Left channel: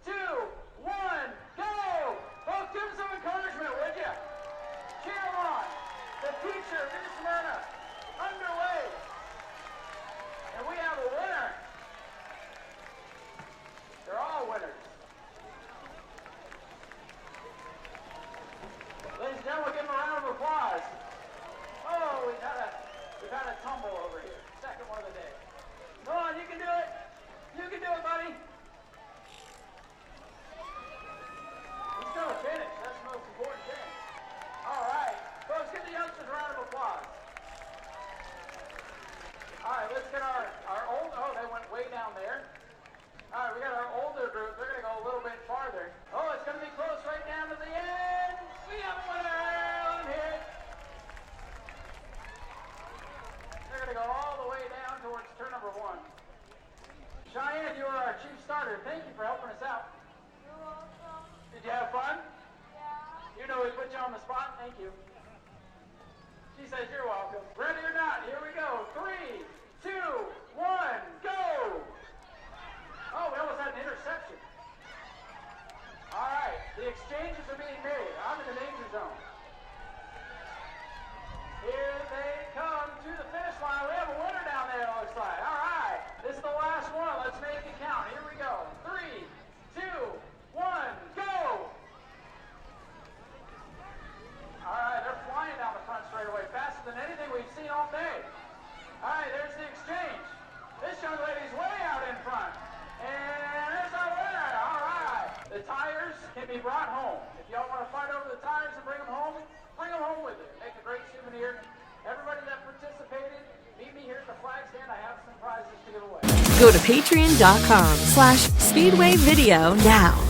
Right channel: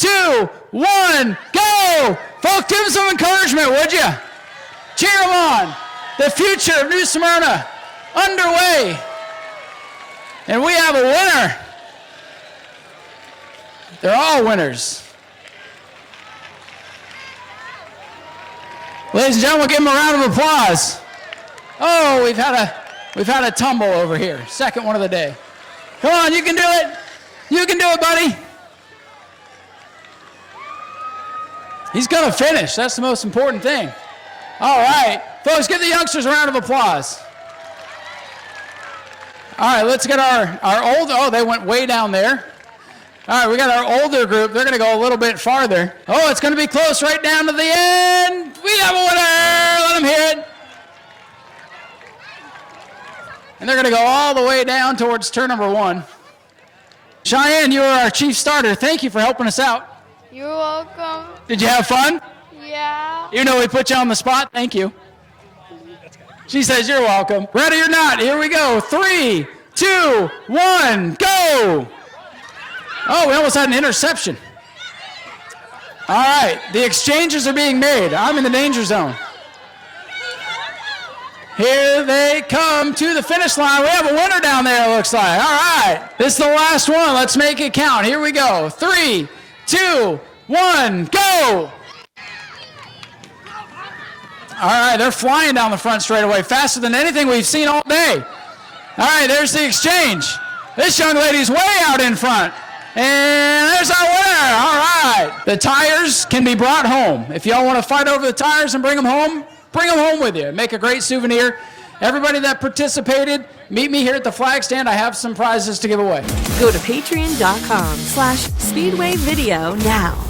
2, 1, go! Folks, give them some encouragement, would you? Cheer them on. The future of New Smyrna underway. And we have a winner. They're all winners. Ladies and gentlemen, give them a round of applause. Oh, we've had a tumble over here. Second one of the day. Come on, you can do it. You can do it, buddy. He's going to finish. That's the most important thing. All right. Folks, give the youngsters a round of applause. All right, let's get our older, oh, they went way down there. All right, we got our older group. They're going to go a little bit farther. Oh, it's going to be close right down to the end. We have a winner. Let them hear it. And they're going to go all the way down towards turn number 1. Cheyenne, you are our chief starter. Thank you for helping us out. You're welcome. Did you have fun? Yeah. You know we put you on the spot. Thank you. She says you're welcome. Ready or not, here we go. 3, 2, 1, go! Oh, we almost had an interception. All right, the exchanges are being made. I'm in the danger zone. Here they come to the finish line. We have a winner down there, it looks like. All right, this is the last one. Let's make it count. Here we go. 3, 2, 1, go! All right, they're flying down the front straightaway faster than anything we've seen all day. All right, there's the exchange. This young lady's way out in front. And there's our winner. All right. The tires can be brought home. If y'all want to fight over the tires and bring them home with you. Make a great souvenir. Everybody that participated, meet me here at the flag stand. I have some prizes to give away. Go to patreon.com/Speedway Video now.